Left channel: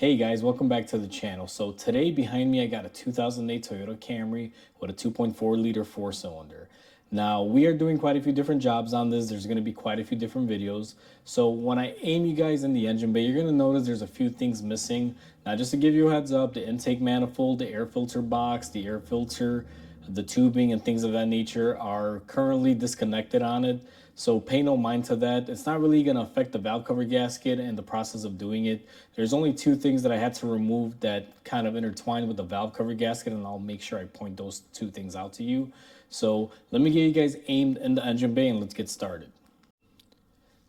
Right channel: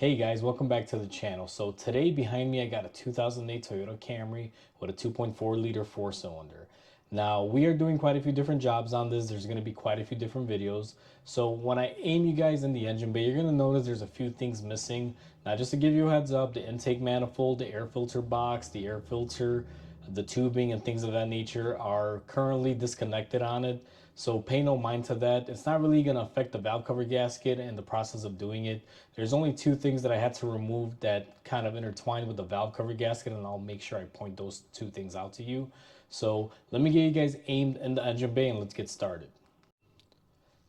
Hey guys, welcome back to the channel. So today behind me I got a 2008 Toyota Camry with a 2.4 liter 4-cylinder. Now we are doing quite a few different jobs on this. There's going to be quite a few different videos. So when I aim you guys in the engine bay, you're going to notice there's a few things missing. Now just to give you a heads up, the intake manifold, the air filter box, the air filter, the tubing and things of that nature are currently disconnected on it. So pay no mind to that. It's not really going to affect the valve cover gasket and the process of doing it. There's only two things that I had to remove that kind of intertwine with the valve cover gasket, and I'll make sure I point those two things out to you. So let me get you guys aimed in the engine bay and let's get started.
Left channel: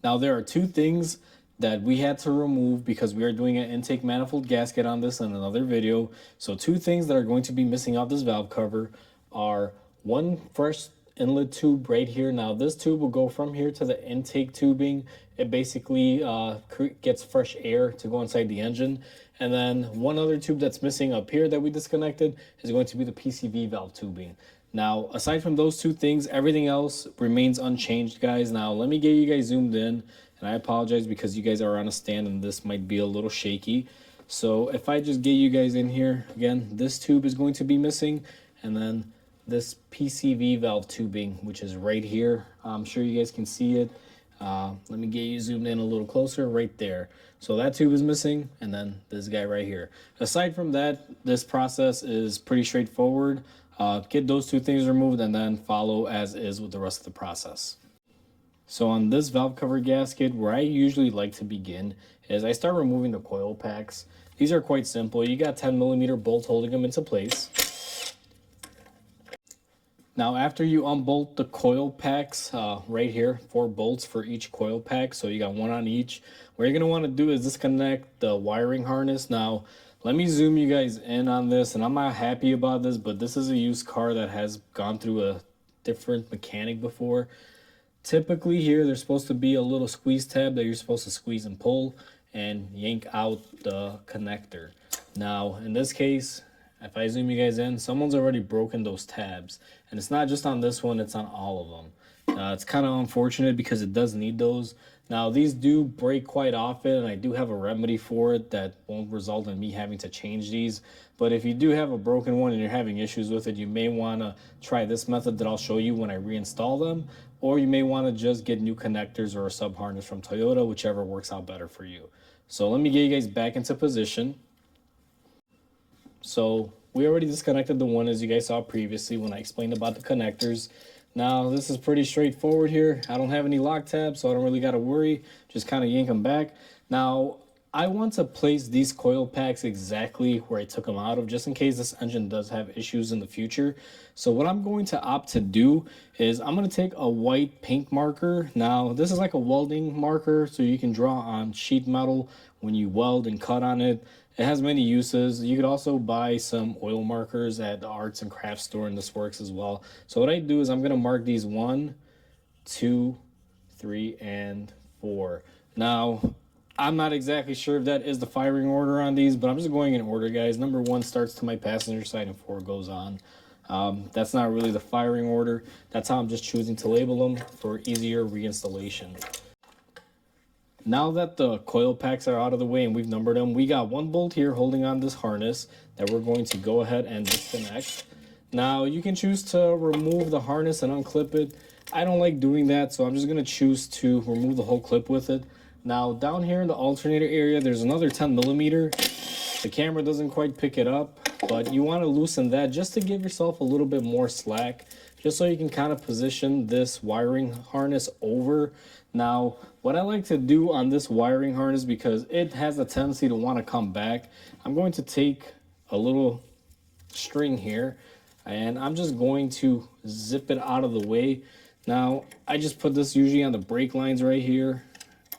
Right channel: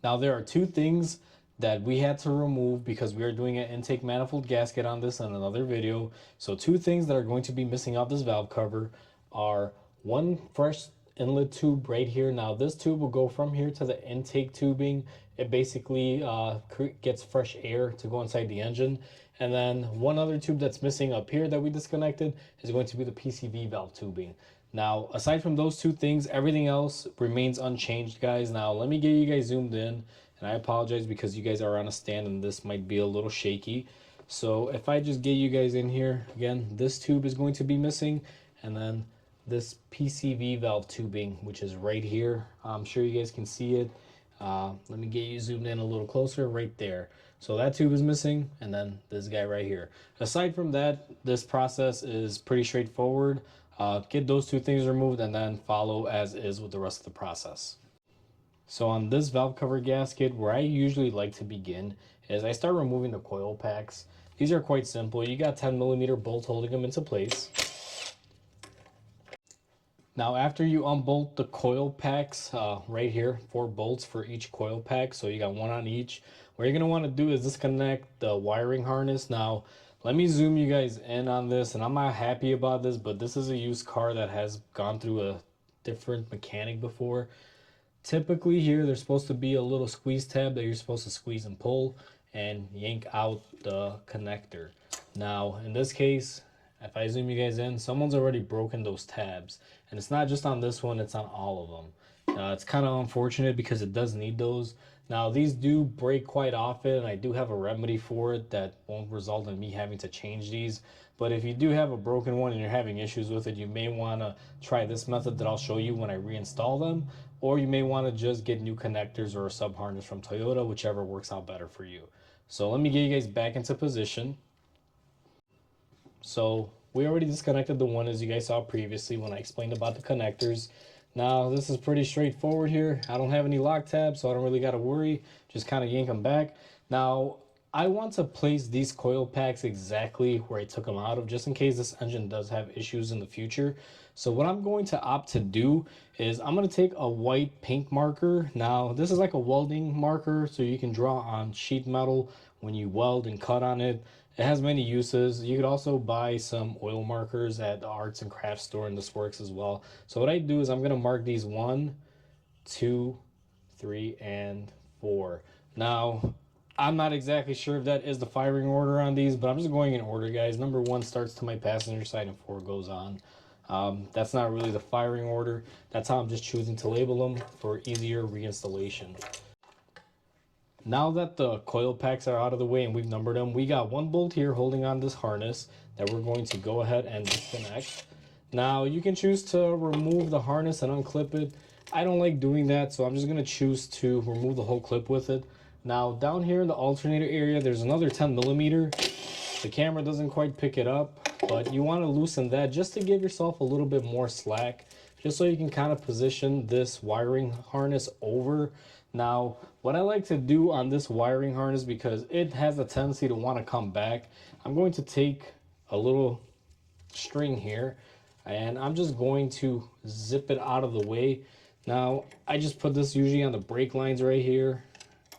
Now there are two things that we had to remove because we are doing an intake manifold gasket on this in another video. So two things that are going to be missing out this valve cover are one fresh inlet tube right here. Now this tube will go from here to the intake tubing. It basically gets fresh air to go inside the engine. And then one other tube that's missing up here that we disconnected is going to be the PCV valve tubing. Now aside from those two things, everything else remains unchanged, guys. Now let me get you guys zoomed in, and I apologize because you guys are on a stand and this might be a little shaky. So if I just get you guys in here again, this tube is going to be missing, and then this PCV valve tubing, which is right here. I'm sure you guys can see it. Let me get you zoomed in a little closer right there. So that tube is missing, and then this guy right here. Aside from that, this process is pretty straightforward. Get those two things removed and then follow as is with the rest of the process. So on this valve cover gasket, where I usually like to begin is I start removing the coil packs. These are quite simple. You got 10mm bolts holding them into place. Now after you unbolt the coil packs, right here, 4 bolts for each coil pack, so you got one on each. What you're going to want to do is disconnect the wiring harness. Now let me zoom you guys in on this, and I'm not happy about this, but this is a used car that has gone through a different mechanic before. Typically here there's supposed to be a little squeeze tab that you're supposed to squeeze and pull and yank out the connector. Now in this case, if I zoom you guys in, someone's already broken those tabs. And it's not just on this one, it's on all of them. It's kind of unfortunate because it does need those. Now these do break quite often, and I do have a remedy for it that won't result in me having to change these. But if you do have a broken one and you're having issues with it, you may want to try this method that I'll show you when I reinstall them. Or you may want to just get new connectors or a sub harness from Toyota, whichever works out better for you. So let me get you guys back into position. So we already disconnected the one as you guys saw previously when I explained about the connectors. Now this is pretty straightforward here. I don't have any lock tabs, so I don't really got to worry. Just kind of yank them back. Now I want to place these coil packs exactly where I took them out of, just in case this engine does have issues in the future. So what I'm going to opt to do is I'm going to take a white paint marker. Now this is like a welding marker, so you can draw on sheet metal when you weld and cut on it. It has many uses. You could also buy some oil markers at the arts and crafts store, and this works as well. So what I do is I'm going to mark these 1, 2, 3, and 4. Now I'm not exactly sure if that is the firing order on these, but I'm just going in order, guys. Number 1 starts to my passenger side and 4 goes on. That's not really the firing order. That's how I'm just choosing to label them for easier reinstallation. Now that the coil packs are out of the way and we've numbered them, we got 1 bolt here holding on this harness that we're going to go ahead and disconnect. Now you can choose to remove the harness and unclip it. I don't like doing that, so I'm just going to choose to remove the whole clip with it. Now down here in the alternator area, there's another 10mm. The camera doesn't quite pick it up, but you want to loosen that just to give yourself a little bit more slack, just so you can kind of position this wiring harness over. Now what I like to do on this wiring harness, because it has a tendency to want to come back, I'm going to take a little string here and I'm just going to zip it out of the way. Now I just put this usually on the brake lines right here,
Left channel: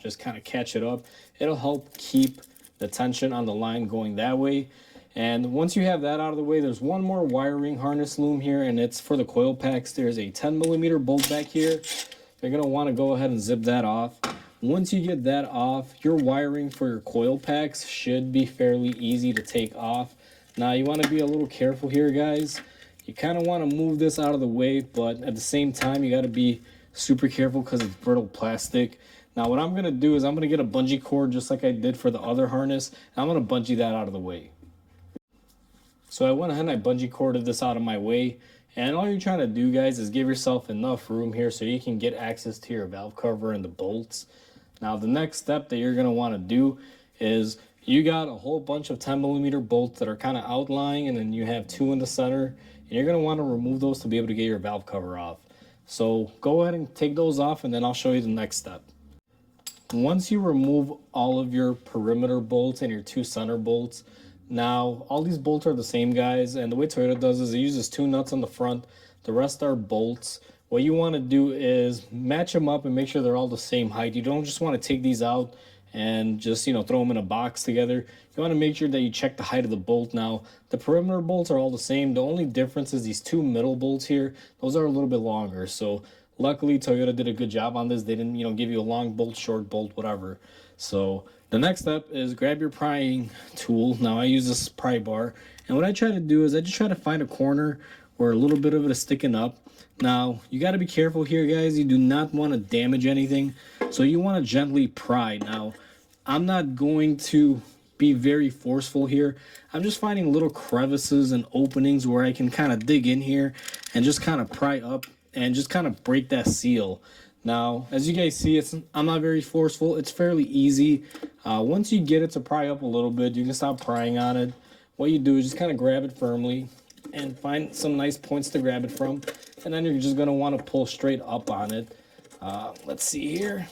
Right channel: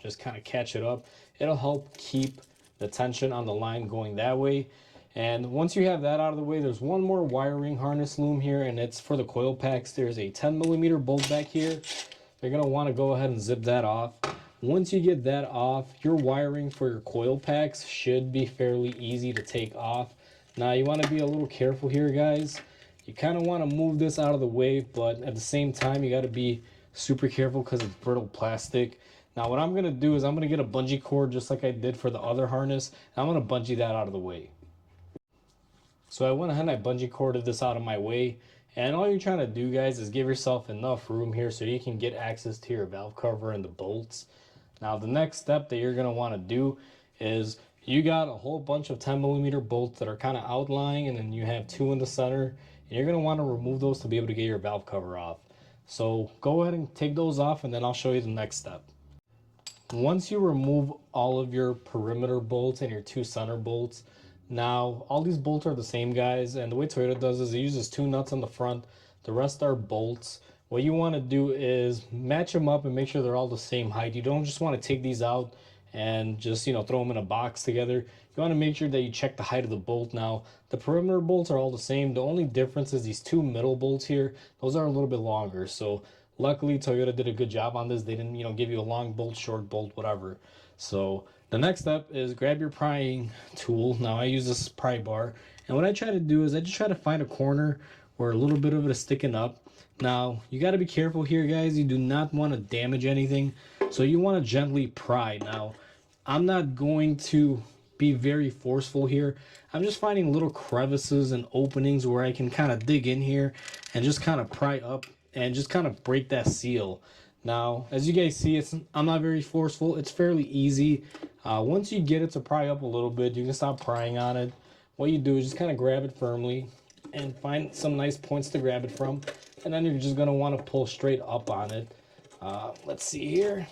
just kind of catch it up. It'll help keep the tension on the line going that way. And once you have that out of the way, there's one more wiring harness loom here, and it's for the coil packs. There's a 10mm bolt back here. You're going to want to go ahead and zip that off. Once you get that off, your wiring for your coil packs should be fairly easy to take off. Now you want to be a little careful here, guys. You kind of want to move this out of the way, but at the same time you got to be super careful because it's brittle plastic. Now what I'm going to do is I'm going to get a bungee cord just like I did for the other harness, and I'm going to bungee that out of the way. So I went ahead and I bungee corded this out of my way, and all you're trying to do, guys, is give yourself enough room here so you can get access to your valve cover and the bolts. Now the next step that you're going to want to do is you got a whole bunch of 10mm bolts that are kind of outlying, and then you have 2 in the center, and you're going to want to remove those to be able to get your valve cover off. So go ahead and take those off, and then I'll show you the next step. Once you remove all of your perimeter bolts and your 2 center bolts, now all these bolts are the same, guys, and the way Toyota does is it uses 2 nuts on the front, the rest are bolts. What you want to do is match them up and make sure they're all the same height. You don't just want to take these out and just, throw them in a box together. You want to make sure that you check the height of the bolt. Now the perimeter bolts are all the same. The only difference is these 2 middle bolts here, those are a little bit longer. So luckily Toyota did a good job on this. They didn't give you a long bolt, short bolt, whatever. So the next step is grab your prying tool. Now I use this pry bar, and what I try to do is I just try to find a corner where a little bit of it is sticking up. Now you got to be careful here, guys. You do not want to damage anything, so you want to gently pry. Now I'm not going to be very forceful here. I'm just finding little crevices and openings where I can kind of dig in here and just kind of pry up and just kind of break that seal. Now as you guys see, I'm not very forceful. It's fairly easy. Once you get it to pry up a little bit, you can stop prying on it. What you do is just kind of grab it firmly and find some nice points to grab it from, and then you're just going to want to pull straight up on it. Let's see here.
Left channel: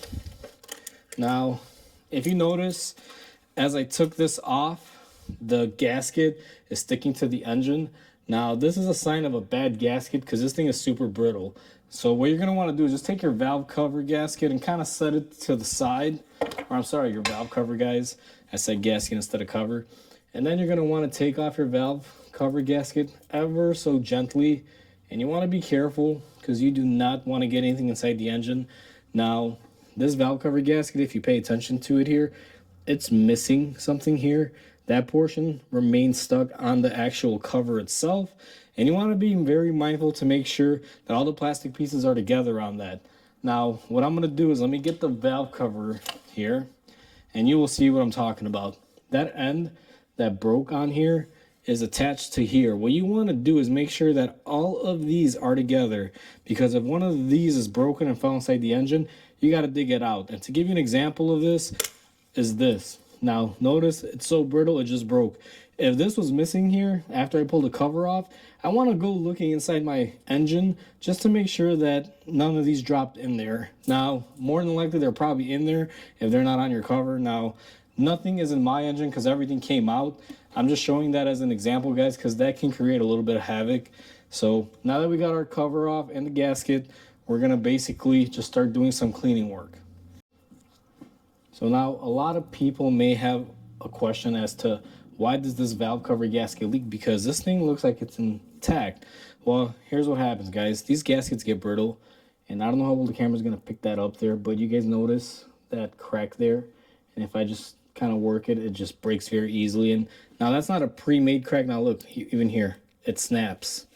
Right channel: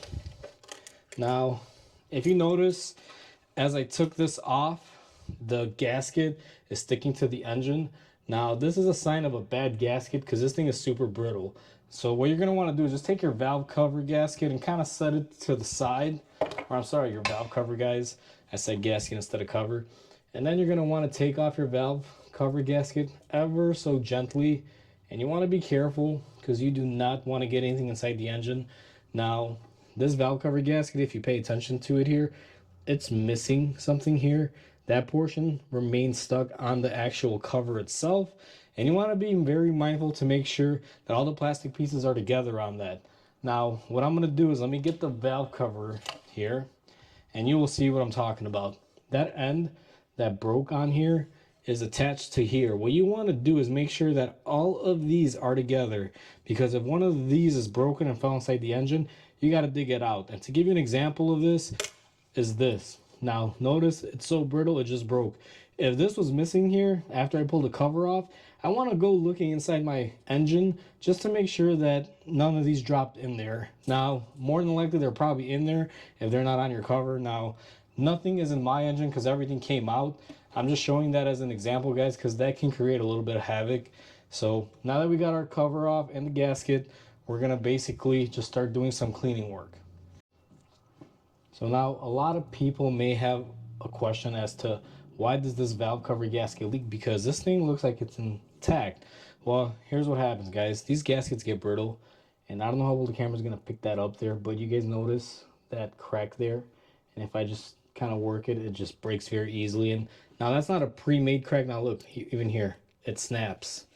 Now if you notice, as I took this off, the gasket is sticking to the engine. Now this is a sign of a bad gasket because this thing is super brittle. So what you're going to want to do is just take your valve cover gasket and kind of set it to the side. Or I'm sorry, your valve cover, guys. I said gasket instead of cover. And then you're going to want to take off your valve cover gasket ever so gently. And you want to be careful because you do not want to get anything inside the engine. Now this valve cover gasket, if you pay attention to it here, it's missing something here. That portion remains stuck on the actual cover itself, and you want to be very mindful to make sure that all the plastic pieces are together on that. Now what I'm going to do is let me get the valve cover here, and you will see what I'm talking about. That end that broke on here is attached to here. What you want to do is make sure that all of these are together, because if one of these is broken and fell inside the engine, you got to dig it out. And to give you an example of this is this. Now notice it's so brittle it just broke. If this was missing here after I pulled the cover off, I want to go looking inside my engine just to make sure that none of these dropped in there. Now more than likely they're probably in there if they're not on your cover. Now nothing is in my engine because everything came out. I'm just showing that as an example, guys, because that can create a little bit of havoc. So now that we got our cover off and the gasket, we're going to basically just start doing some cleaning work. So now a lot of people may have a question as to why does this valve cover gasket leak, because this thing looks like it's intact. Well, here's what happens, guys. These gaskets get brittle, and I don't know how well the camera's going to pick that up there, but you guys notice that crack there, and if I just kind of work it, it just breaks very easily. And now that's not a pre-made crack. Now look, even here, it snaps.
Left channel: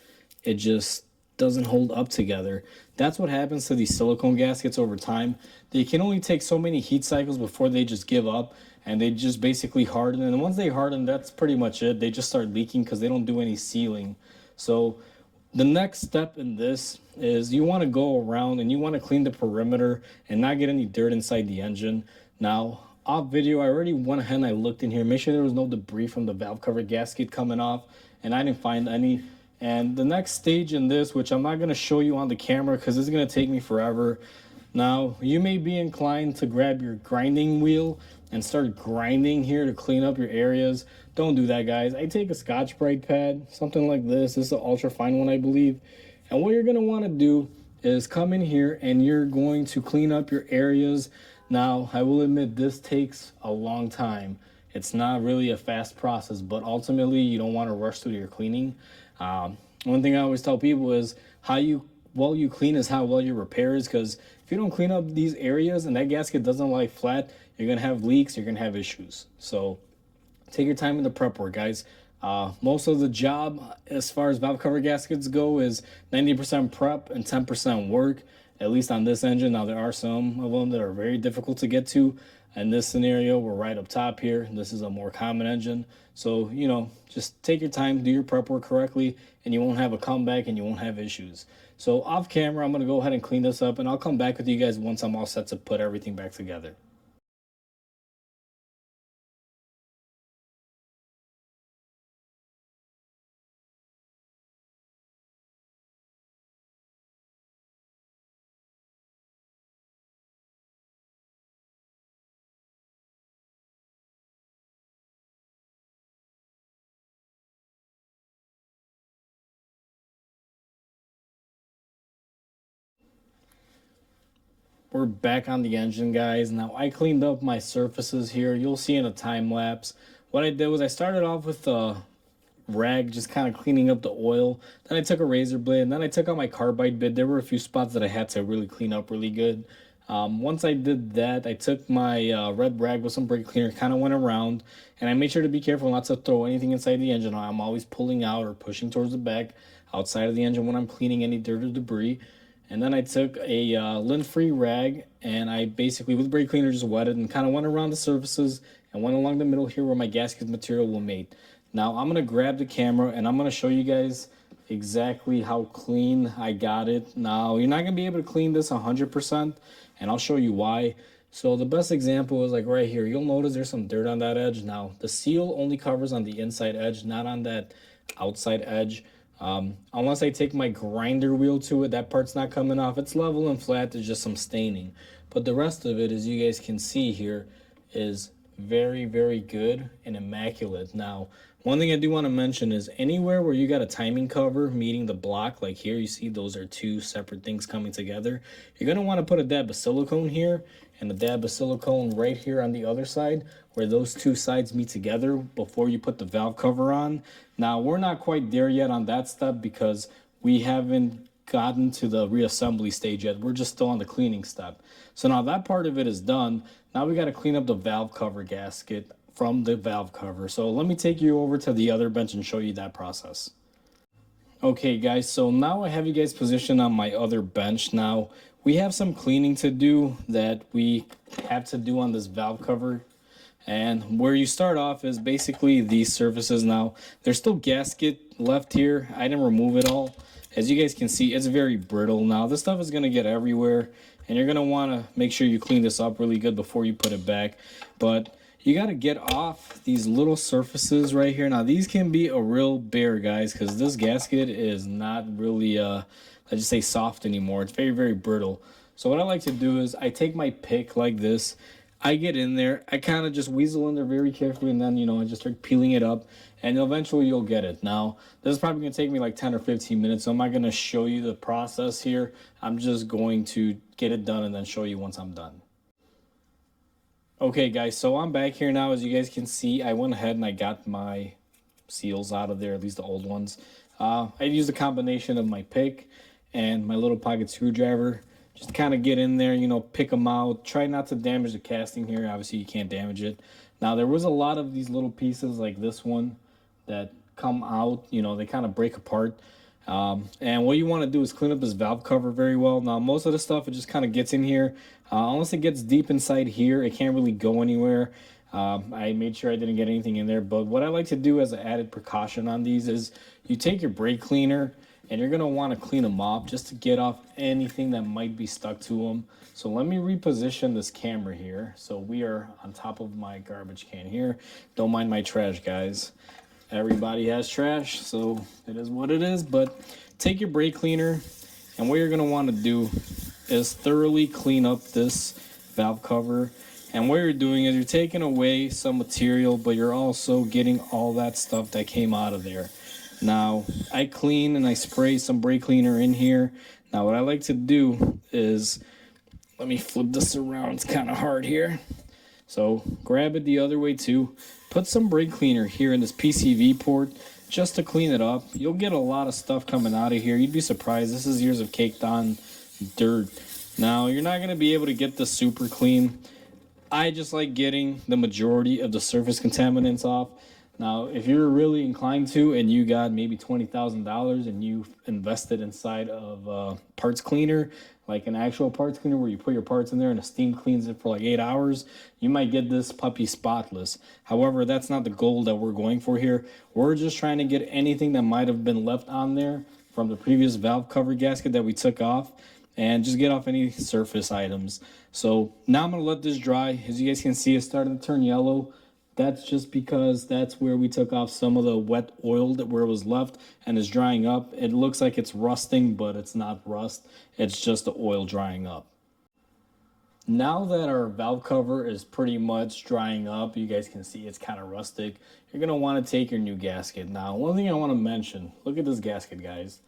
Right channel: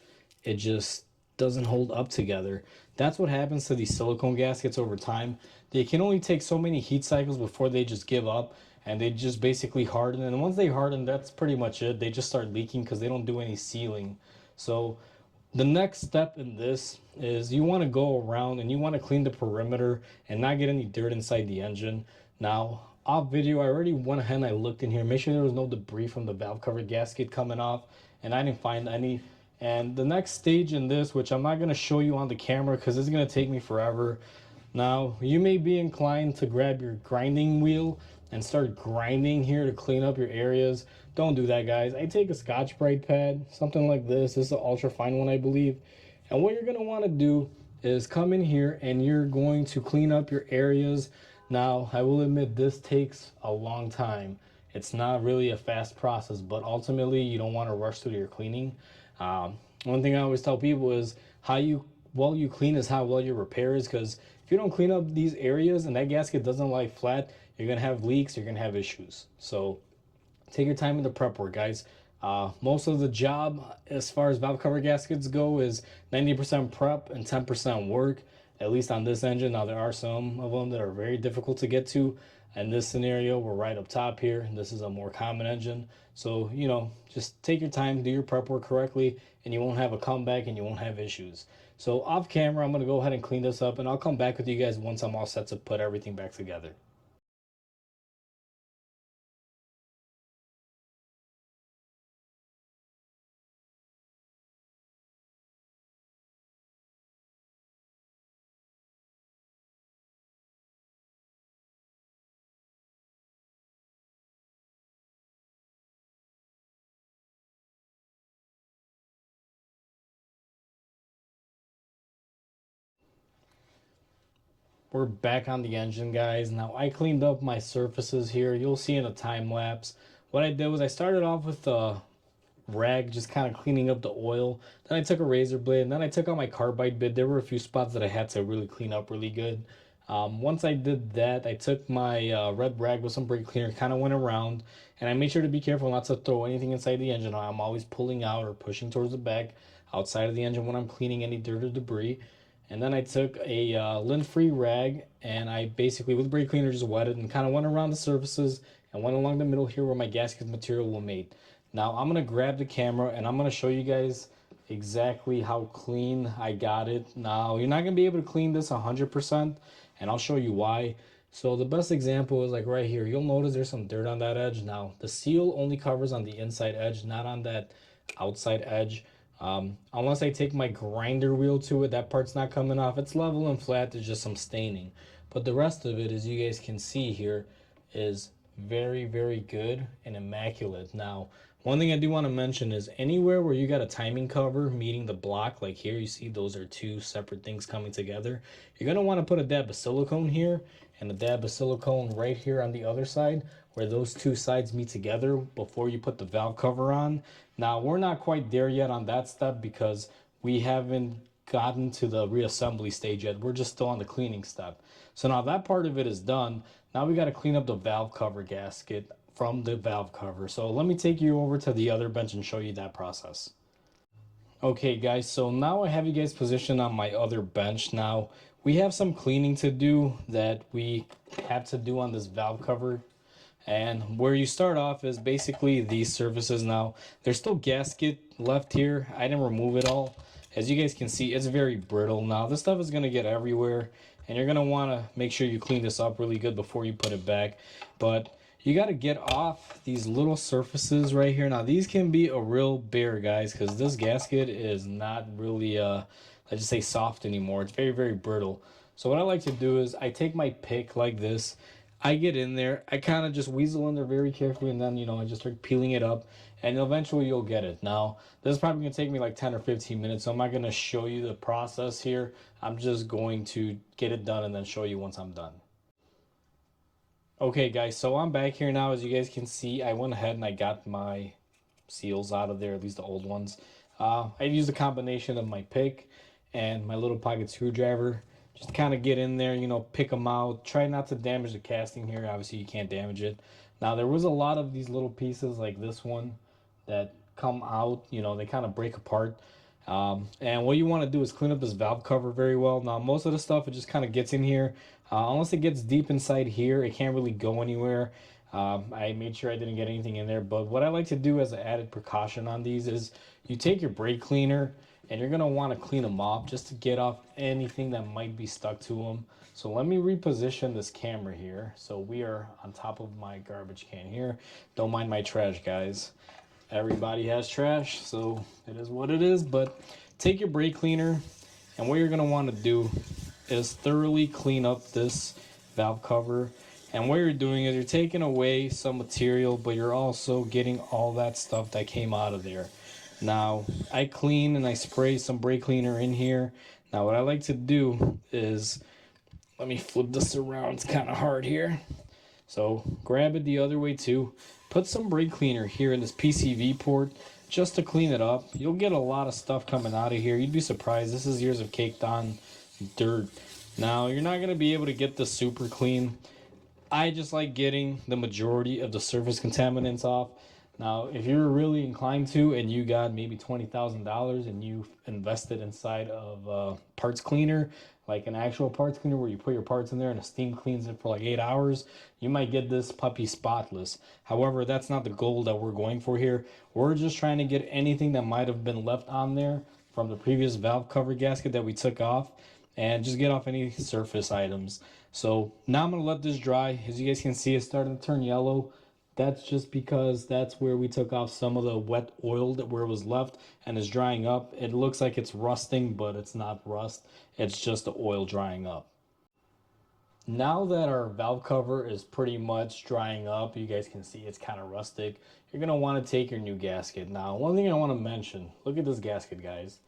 It just doesn't hold up together. That's what happens to these silicone gaskets over time. They can only take so many heat cycles before they just give up, and they just basically harden. And once they harden, that's pretty much it. They just start leaking because they don't do any sealing. So the next step in this is you want to go around and you want to clean the perimeter and not get any dirt inside the engine. Now off video, I already went ahead and I looked in here, make sure there was no debris from the valve cover gasket coming off, and I didn't find any. And the next stage in this, which I'm not going to show you on the camera because it's going to take me forever. Now you may be inclined to grab your grinding wheel and start grinding here to clean up your areas. Don't do that, guys. I take a Scotch-Brite pad, something like this. This is an ultra fine one, I believe. And what you're going to want to do is come in here and you're going to clean up your areas. Now I will admit this takes a long time. It's not really a fast process, but ultimately you don't want to rush through your cleaning. One thing I always tell people is how well you clean is how well you repair is, because if you don't clean up these areas and that gasket doesn't lie flat, you're going to have leaks, you're going to have issues. So take your time in the prep work, guys. Most of the job as far as valve cover gaskets go is 90% prep and 10% work. at least on this engine. Now there are some of them that are very difficult to get to. In this scenario, we're right up top here. This is a more common engine. So, you know, just take your time, do your prep work correctly, and you won't have a comeback and you won't have issues. So off camera, I'm going to go ahead and clean this up, and I'll come back with you guys once I'm all set to put everything back together. We're back on the engine, guys. Now I cleaned up my surfaces here. You'll see in a time lapse. What I did was I started off with a rag, just kind of cleaning up the oil. Then I took a razor blade, and then I took out my carbide bit. There were a few spots that I had to really clean up really good. Once I did that, I took my red rag with some brake cleaner, kind of went around, and I made sure to be careful not to throw anything inside the engine. I'm always pulling out or pushing towards the back outside of the engine when I'm cleaning any dirt or debris. And then I took a lint-free rag, and I basically, with brake cleaner, just wetted and kind of went around the surfaces and went along the middle here where my gasket material will mate. Now I'm going to grab the camera and I'm going to show you guys exactly how clean I got it. Now you're not going to be able to clean this 100%, and I'll show you why. So the best example is like right here. You'll notice there's some dirt on that edge. Now the seal only covers on the inside edge, not on that outside edge. Unless I take my grinder wheel to it, that part's not coming off. It's level and flat, there's just some staining. But the rest of it, as you guys can see here, is very, very good and immaculate. Now, one thing I do want to mention is anywhere where you got a timing cover meeting the block, like here, you see those are two separate things coming together. You're going to want to put a dab of silicone here and a dab of silicone right here on the other side where those two sides meet together before you put the valve cover on. Now, we're not quite there yet on that step because we haven't gotten to the reassembly stage yet. We're just still on the cleaning step. So now that part of it is done. Now we got to clean up the valve cover gasket from the valve cover. So let me take you over to the other bench and show you that process. Okay guys, so now I have you guys positioned on my other bench. Now we have some cleaning to do that we have to do on this valve cover. And where you start off is basically these surfaces. Now there's still gasket left here. I didn't remove it all. As you guys can see, it's very brittle. Now this stuff is going to get everywhere, and you're going to want to make sure you clean this up really good before you put it back. But you got to get off these little surfaces right here. Now these can be a real bear, guys, because this gasket is not really let's just say soft anymore. It's very, very brittle. So what I like to do is I take my pick like this, I get in there, I kind of just weasel in there very carefully, and then, you know, I just start peeling it up, and eventually you'll get it. Now, this is probably going to take me like 10 or 15 minutes, so I'm not going to show you the process here. I'm just going to get it done and then show you once I'm done. Okay, guys, so I'm back here now. As you guys can see, I went ahead and I got my seals out of there, at least the old ones. I used a combination of my pick and my little pocket screwdriver. Just kind of get in there, you know, pick them out. Try not to damage the casting here. Obviously, you can't damage it. Now, there was a lot of these little pieces like this one that come out. You know, they kind of break apart. And what you want to do is clean up this valve cover very well. Now, most of the stuff, it just kind of gets in here. Unless it gets deep inside here, it can't really go anywhere. I made sure I didn't get anything in there. But what I like to do as an added precaution on these is you take your brake cleaner, and you're going to want to clean them off just to get off anything that might be stuck to them. So let me reposition this camera here. So we are on top of my garbage can here. Don't mind my trash, guys. Everybody has trash, so it is what it is. But take your brake cleaner, and what you're going to want to do is thoroughly clean up this valve cover. And what you're doing is you're taking away some material, but you're also getting all that stuff that came out of there. Now, I clean and I spray some brake cleaner in here. Now, what I like to do is, let me flip this around. It's kind of hard here. So, grab it the other way too. Put some brake cleaner here in this PCV port just to clean it up. You'll get a lot of stuff coming out of here. You'd be surprised. This is years of caked on dirt. Now, you're not going to be able to get this super clean. I just like getting the majority of the surface contaminants off. Now, if you're really inclined to and you got maybe $20,000 and you invested inside of a parts cleaner, like an actual parts cleaner where you put your parts in there and a steam cleans it for like 8 hours, you might get this puppy spotless. However, that's not the goal that we're going for here. We're just trying to get anything that might have been left on there from the previous valve cover gasket that we took off and just get off any surface items. So now I'm going to let this dry. As you guys can see, it's starting to turn yellow. That's just because that's where we took off some of the wet oil that where it was left and is drying up. It looks like it's rusting, but it's not rust. It's just the oil drying up. Now that our valve cover is pretty much drying up, you guys can see it's kind of rustic. You're going to want to take your new gasket. Now, one thing I want to mention, look at this gasket, guys.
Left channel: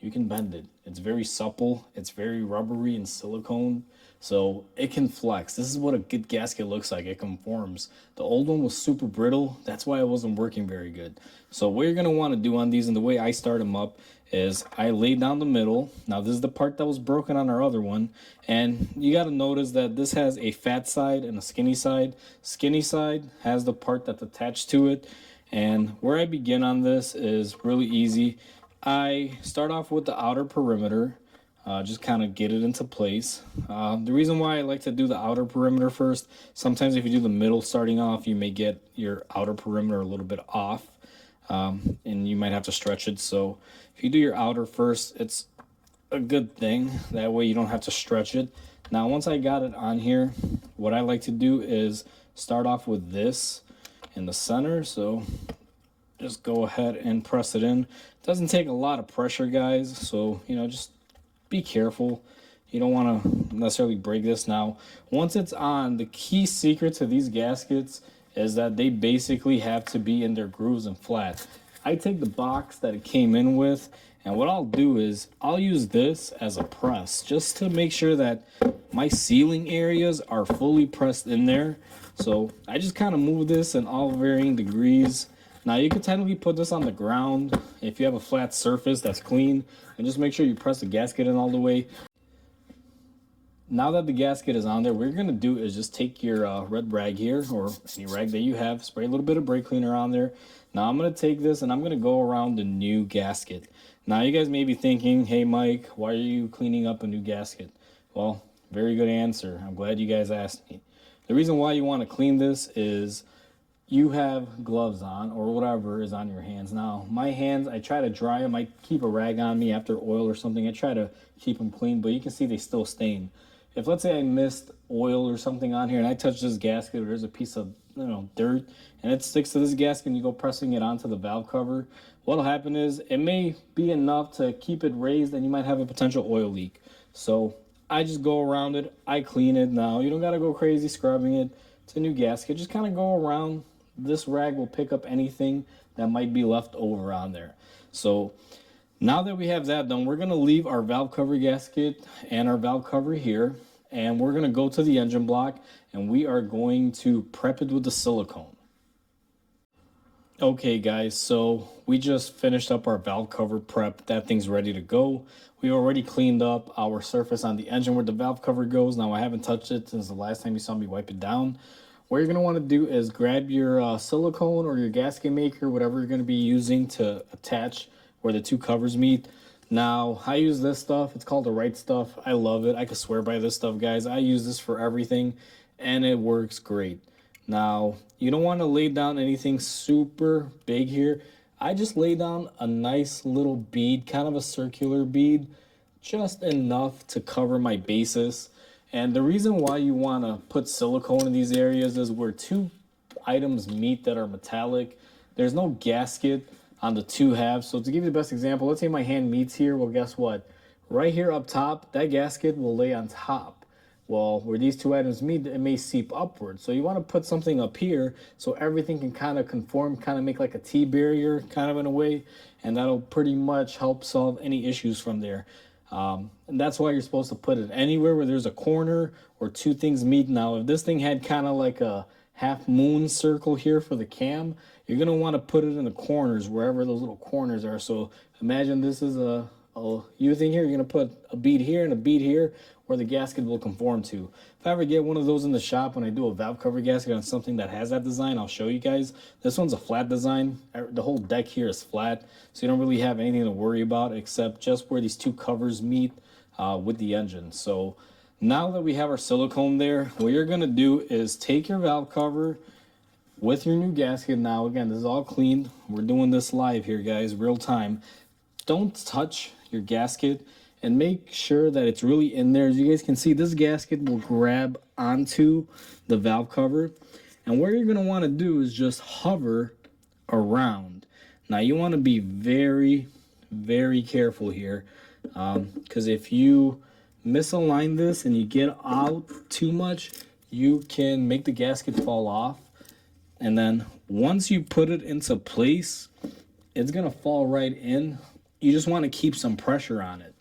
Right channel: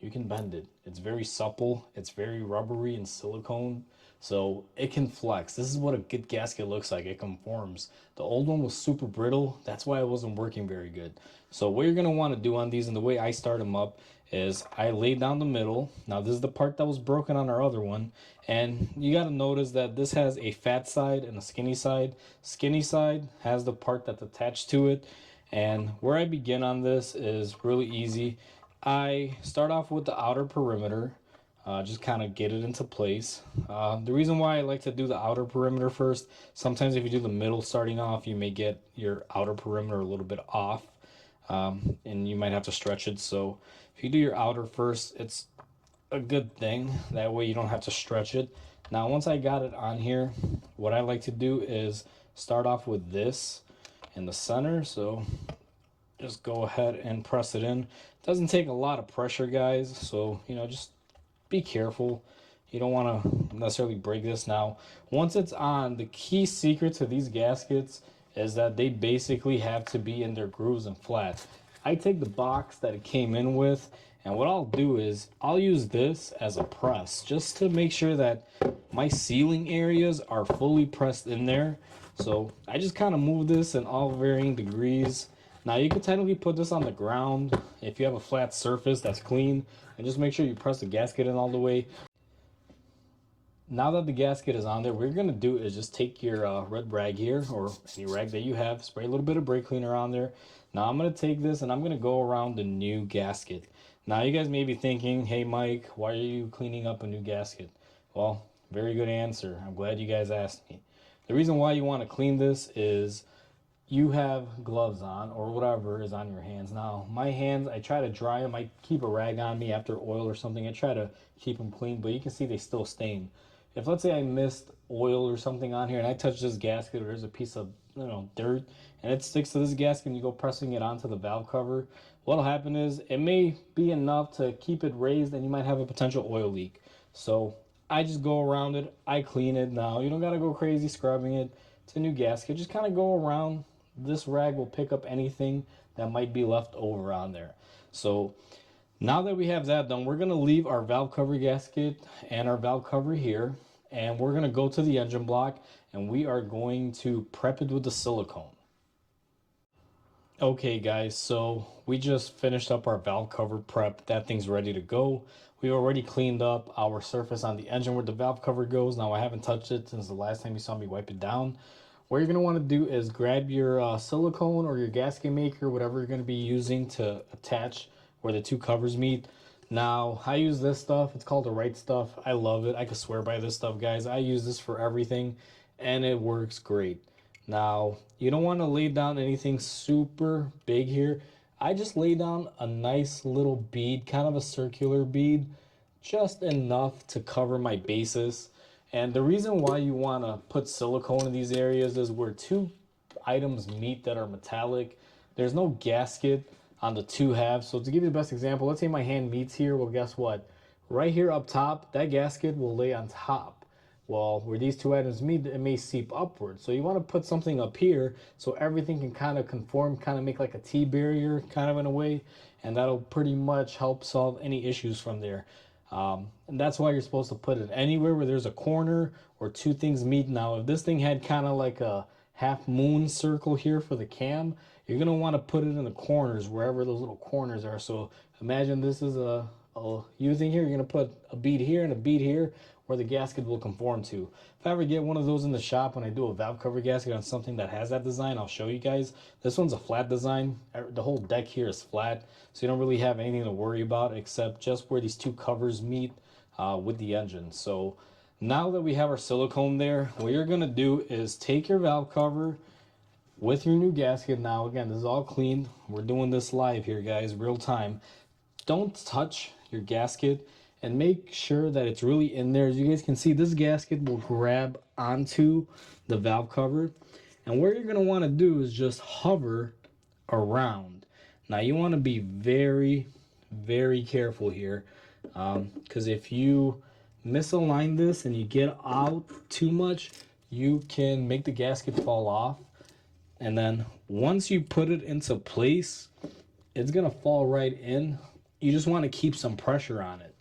You can bend it. It's very supple. It's very rubbery and silicone. So it can flex. This is what a good gasket looks like. It conforms. The old one was super brittle. That's why it wasn't working very good. So what you're going to want to do on these, and the way I start them up, is I lay down the middle. Now this is the part that was broken on our other one. And you got to notice that this has a fat side and a skinny side. Skinny side has the part that's attached to it. And where I begin on this is really easy. I start off with the outer perimeter. Just kind of get it into place. The reason why I like to do the outer perimeter first, sometimes if you do the middle starting off, you may get your outer perimeter a little bit off, and you might have to stretch it. So if you do your outer first, it's a good thing. That way you don't have to stretch it. Now once I got it on here, what I like to do is start off with this in the center. So just go ahead and press it in. It doesn't take a lot of pressure, guys, so just be careful. You don't want to necessarily break this. Now once it's on, the key secret to these gaskets is that they basically have to be in their grooves and flat. I take the box that it came in with, and what I'll do is I'll use this as a press just to make sure that my sealing areas are fully pressed in there. So I just kind of move this in all varying degrees. Now you can technically put this on the ground if you have a flat surface that's clean, and just make sure you press the gasket in all the way. Now that the gasket is on there, what you're going to do is just take your red rag here, or any rag that you have, spray a little bit of brake cleaner on there. Now I'm going to take this and I'm going to go around the new gasket. Now you guys may be thinking, hey Mike, why are you cleaning up a new gasket? Well, very good answer. I'm glad you guys asked me. The reason why you want to clean this is you have gloves on or whatever is on your hands. Now my hands, I try to dry them. I keep a rag on me after oil or something. I try to keep them clean, but you can see they still stain. If let's say I missed oil or something on here and I touch this gasket, or there's a piece of dirt and it sticks to this gasket and you go pressing it onto the valve cover, what'll happen is it may be enough to keep it raised and you might have a potential oil leak. So I just go around it, I clean it. Now you don't got to go crazy scrubbing it. It's a new gasket. Just kind of go around. This rag will pick up anything that might be left over on there. So now that we have that done, we're going to leave our valve cover gasket and our valve cover here, and we're going to go to the engine block and we are going to prep it with the silicone. Okay guys, so we just finished up our valve cover prep. That thing's ready to go. We already cleaned up our surface on the engine where the valve cover goes. Now I haven't touched it since the last time you saw me wipe it down. What you're going to want to do is grab your silicone or your gasket maker, whatever you're going to be using to attach where the two covers meet. Now, I use this stuff. It's called the Right Stuff. I love it. I could swear by this stuff, guys. I use this for everything, and it works great. Now, you don't want to lay down anything super big here. I just lay down a nice little bead, kind of a circular bead, just enough to cover my bases. And the reason why you want to put silicone in these areas is where two items meet that are metallic. There's no gasket on the two halves. So to give you the best example, let's say my hand meets here. Well, guess what? Right here up top, that gasket will lay on top. Well, where these two items meet, it may seep upward. So you want to put something up here so everything can kind of conform, kind of make like a T-barrier kind of in a way. And that'll pretty much help solve any issues from there. And that's why you're supposed to put it anywhere where there's a corner or two things meet. Now, if this thing had kind of like a half moon circle here for the cam, you're going to want to put it in the corners, wherever those little corners are. So imagine this is a you think here you're gonna put a bead here and a bead here where the gasket will conform to. If I ever get one of those in the shop when I do a valve cover gasket on something that has that design, I'll show you guys. This one's a flat design. The whole deck here is flat, so you don't really have anything to worry about except just where these two covers meet with the engine. So now that we have our silicone there, what you're gonna do is take your valve cover with your new gasket. Now again, this is all clean. We're doing this live here, guys, real time. Don't touch your gasket and make sure that it's really in there. As you guys can see, this gasket will grab onto the valve cover, and what you're going to want to do is just hover around. Now you want to be very, very careful here, because if you misalign this and you get out too much, you can make the gasket fall off. And then once you put it into place, it's gonna fall right in. You just want to keep some pressure on it.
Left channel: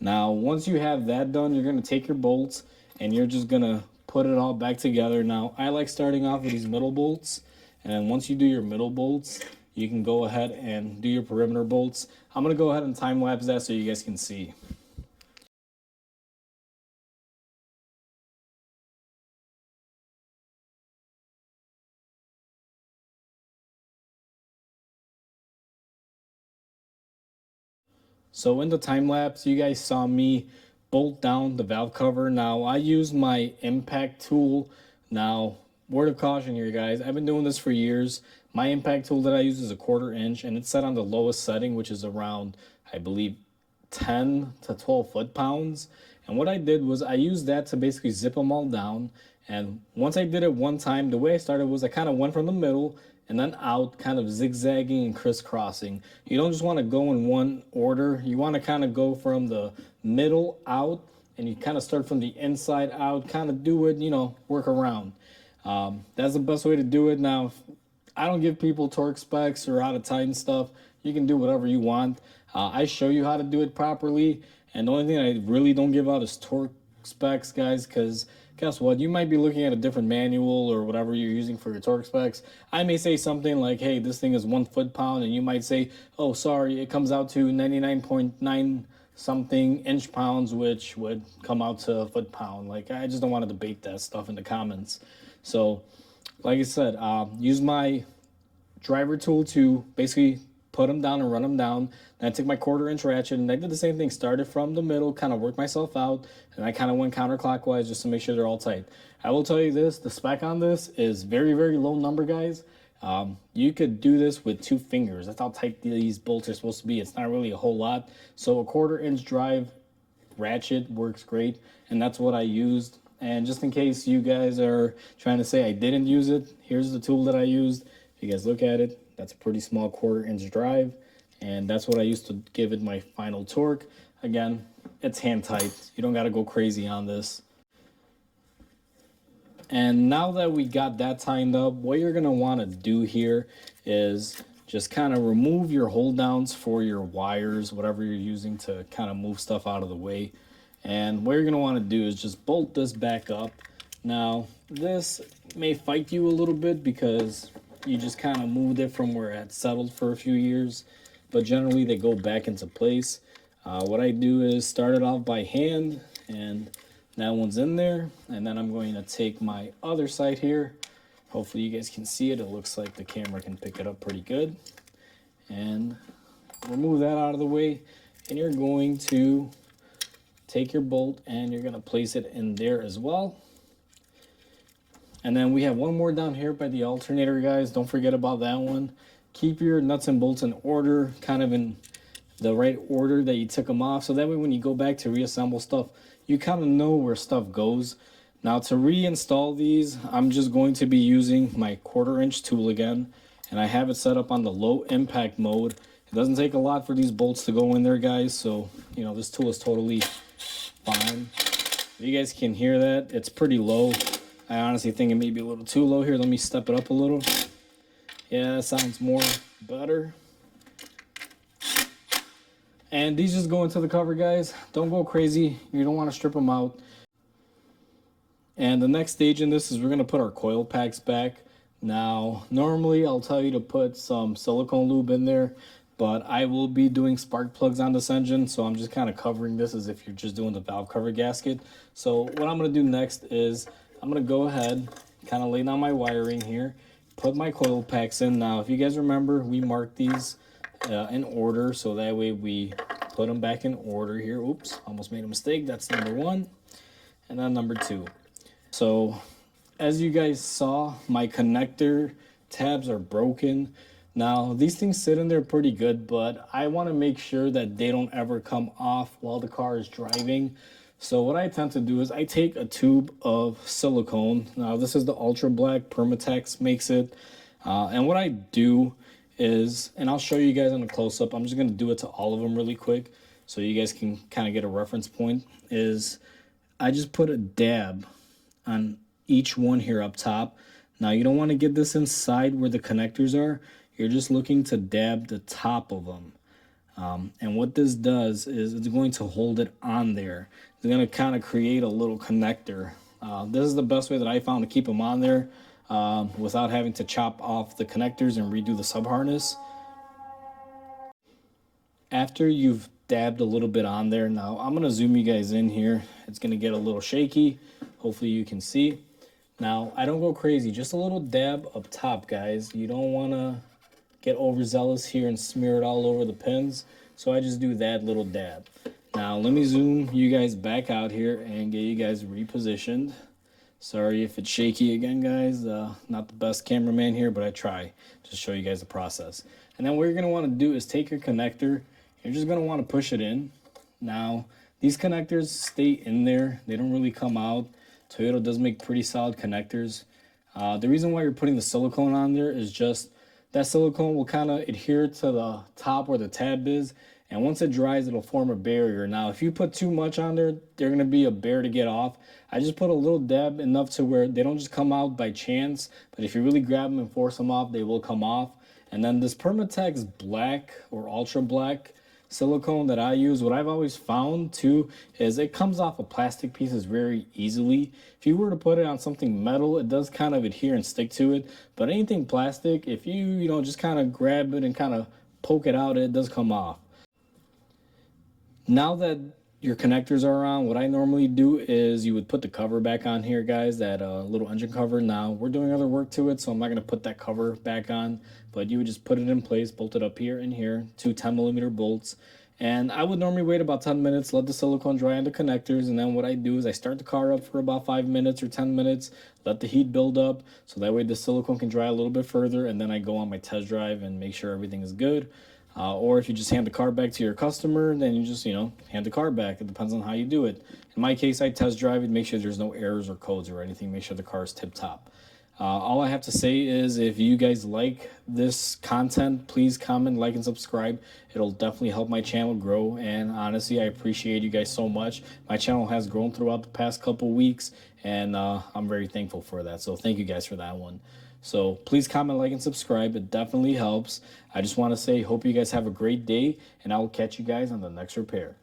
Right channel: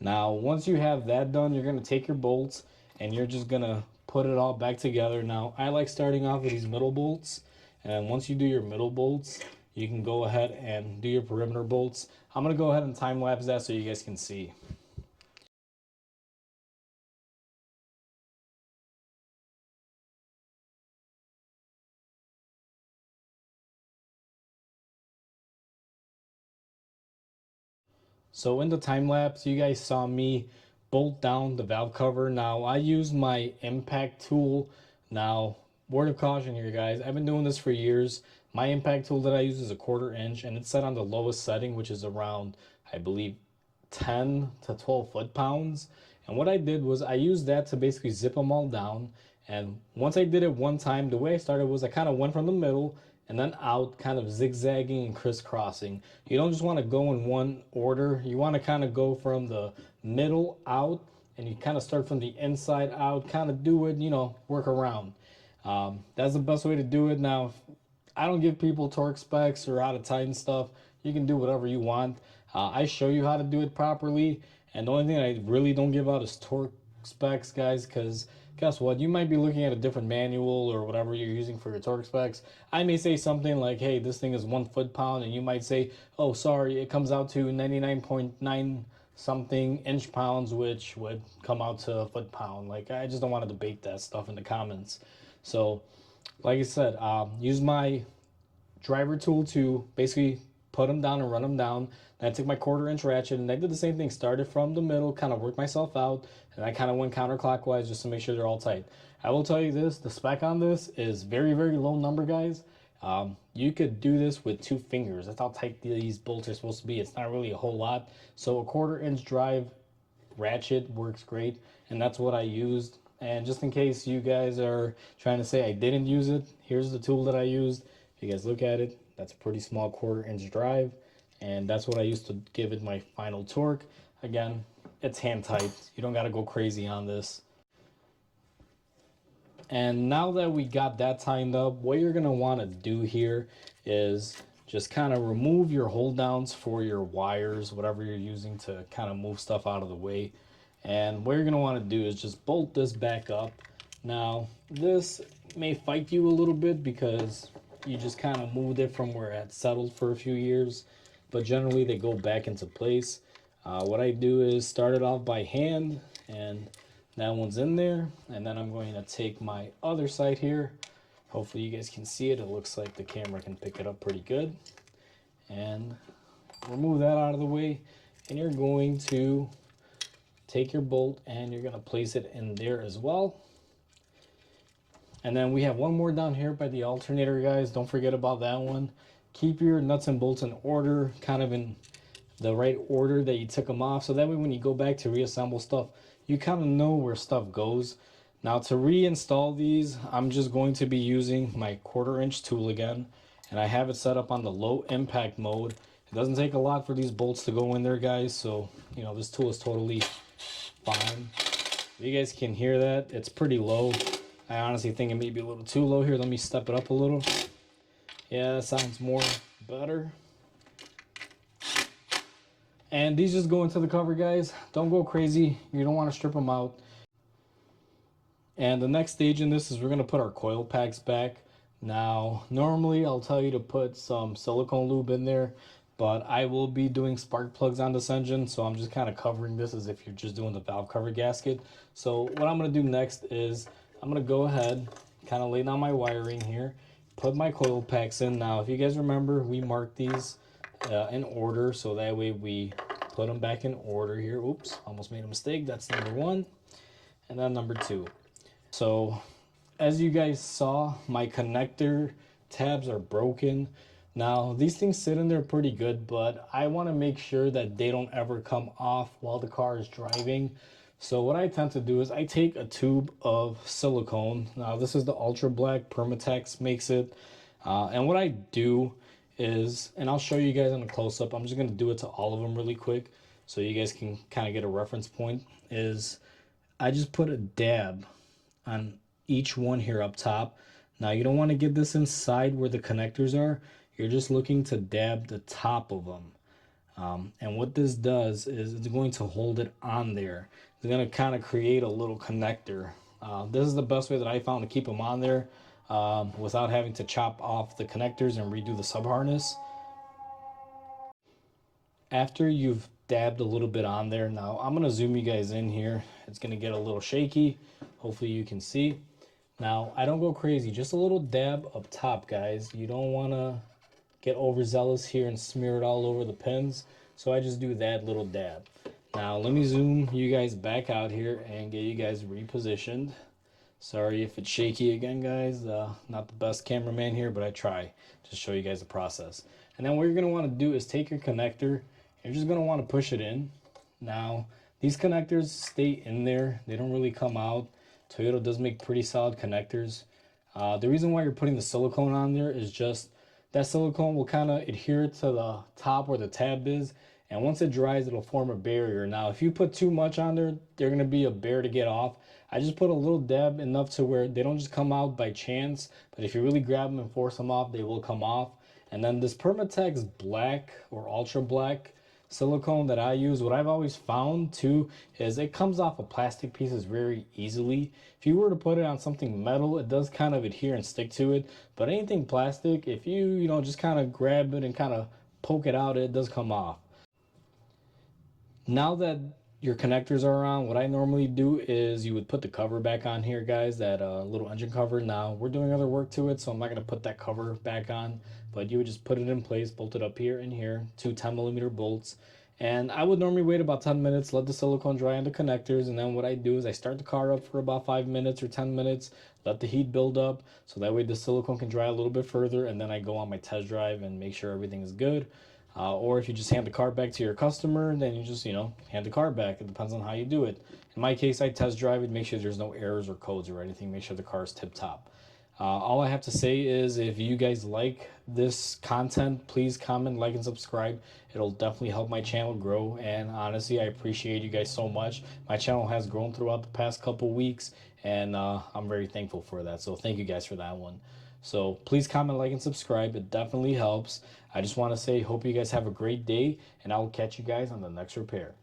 Now once you have that done, you're gonna take your bolts and you're just gonna put it all back together. Now I like starting off with these middle bolts, and once you do your middle bolts, you can go ahead and do your perimeter bolts. I'm gonna go ahead and time lapse that so you guys can see. So in the time lapse, you guys saw me bolt down the valve cover. Now I use my impact tool. Now, word of caution here, guys, I've been doing this for years. My impact tool that I use is a 1/4 inch, and it's set on the lowest setting, which is around, I believe, 10 to 12 foot-pounds. And what I did was I used that to basically zip them all down. And once I did it one time, the way I started was I kind of went from the middle and then out, kind of zigzagging and crisscrossing. You don't just want to go in one order. You want to kind of go from the middle out, and you kind of start from the inside out, kind of do it, work around. That's the best way to do it. Now, I don't give people torque specs or how to tighten stuff. You can do whatever you want. I show you how to do it properly, and the only thing I really don't give out is torque specs, guys, because guess what? You might be looking at a different manual or whatever you're using for your torque specs. I may say something like, hey, this thing is 1 foot-pound, and you might say, oh, sorry, it comes out to 99.9 something inch-pounds, which would come out to a foot-pound. Like, I just don't want to debate that stuff in the comments. So, like I said, use my driver tool to basically put them down and run them down. Then I took my 1/4 inch ratchet and I did the same thing. Started from the middle, kind of worked myself out, and I kind of went counterclockwise just to make sure they're all tight. I will tell you this, the spec on this is very, very low number, guys. You could do this with 2 fingers. That's how tight these bolts are supposed to be. It's not really a whole lot. So a 1/4 inch drive ratchet works great, and that's what I used. And just in case you guys are trying to say I didn't use it, here's the tool that I used. If you guys look at it, that's a pretty small 1/4 inch drive, and that's what I used to give it my final torque. Again, it's hand tight. You don't got to go crazy on this. And now that we got that tightened up, what you're going to want to do here is just kind of remove your hold downs for your wires, whatever you're using to kind of move stuff out of the way. And what you're going to want to do is just bolt this back up. Now, this may fight you a little bit because you just kind of moved it from where it had settled for a few years, but generally they go back into place. What I do is start it off by hand, and that one's in there, and then I'm going to take my other side here. Hopefully you guys can see it. It looks like the camera can pick it up pretty good. And remove that out of the way, and you're going to take your bolt and you're going to place it in there as well. And then we have one more down here by the alternator, guys. Don't forget about that one. Keep your nuts and bolts in order, kind of in the right order that you took them off, so that way when you go back to reassemble stuff, you kind of know where stuff goes. Now to reinstall these, I'm just going to be using my 1/4 inch tool again, and I have it set up on the low impact mode. It doesn't take a lot for these bolts to go in there, guys, so this tool is totally fine. You guys can hear that, it's pretty low. I honestly think it may be a little too low here. Let me step it up a little. Yeah, that sounds more better. And these just go into the cover, guys. Don't go crazy. You don't want to strip them out. And the next stage in this is we're going to put our coil packs back. Now, normally I'll tell you to put some silicone lube in there, but I will be doing spark plugs on this engine, so I'm just kind of covering this as if you're just doing the valve cover gasket. So what I'm going to do next is I'm going to go ahead, kind of lay down my wiring here, put my coil packs in. Now, if you guys remember, we marked these in order, so that way we put them back in order here. Oops, almost made a mistake. That's number 1, and then number 2. So as you guys saw, my connector tabs are broken. Now, these things sit in there pretty good, but I want to make sure that they don't ever come off while the car is driving. So what I tend to do is I take a tube of silicone. Now, this is the Ultra Black, Permatex makes it. And what I do is, and I'll show you guys on a close-up, I'm just going to do it to all of them really quick so you guys can kind of get a reference point, is I just put a dab on each one here up top. Now, you don't want to get this inside where the connectors are. You're just looking to dab the top of them. And what this does is it's going to hold it on there. It's going to kind of create a little connector. This is the best way that I found to keep them on there without having to chop off the connectors and redo the sub harness. After you've dabbed a little bit on there, now I'm going to zoom you guys in here. It's going to get a little shaky. Hopefully you can see. Now, I don't go crazy, just a little dab up top, guys. You don't want to get overzealous here and smear it all over the pins, so I just do that little dab. Now let me zoom you guys back out here and get you guys repositioned. Sorry if it's shaky again, guys. Not the best cameraman here, but I try to show you guys the process. And then what you're going to want to do is take your connector. You're just going to want to push it in. Now these connectors stay in there, they don't really come out. Toyota does make pretty solid connectors. The reason why you're putting the silicone on there is just that silicone will kind of adhere to the top where the tab is, and once it dries, it'll form a barrier. Now, if you put too much on there, they're going to be a bear to get off. I just put a little dab enough to where they don't just come out by chance, but if you really grab them and force them off, they will come off. And then this Permatex Black or Ultra Black silicone that I use, what I've always found too is it comes off of plastic pieces very easily. If you were to put it on something metal, it does kind of adhere and stick to it, but anything plastic, if you just kind of grab it and kind of poke it out, it does come off. Now that your connectors are on, what I normally do is you would put the cover back on here, guys, that little engine cover. Now we're doing other work to it, so I'm not going to put that cover back on, but you would just put it in place, bolt it up here and here, 2 10mm bolts. And I would normally wait about 10 minutes, let the silicone dry on the connectors, and then what I do is I start the car up for about 5 minutes or 10 minutes, let the heat build up, so that way the silicone can dry a little bit further, and then I go on my test drive and make sure everything is good. Or if you just hand the car back to your customer, then you just, hand the car back. It depends on how you do it. In my case, I test drive it, make sure there's no errors or codes or anything, make sure the car is tip-top. All I have to say is if you guys like this content, please comment, like, and subscribe. It'll definitely help my channel grow, and honestly, I appreciate you guys so much. My channel has grown throughout the past couple weeks, and I'm very thankful for that, so thank you guys for that one. So please comment, like, and subscribe. It definitely helps. I just want to say, hope you guys have a great day, and I will catch you guys on the next repair.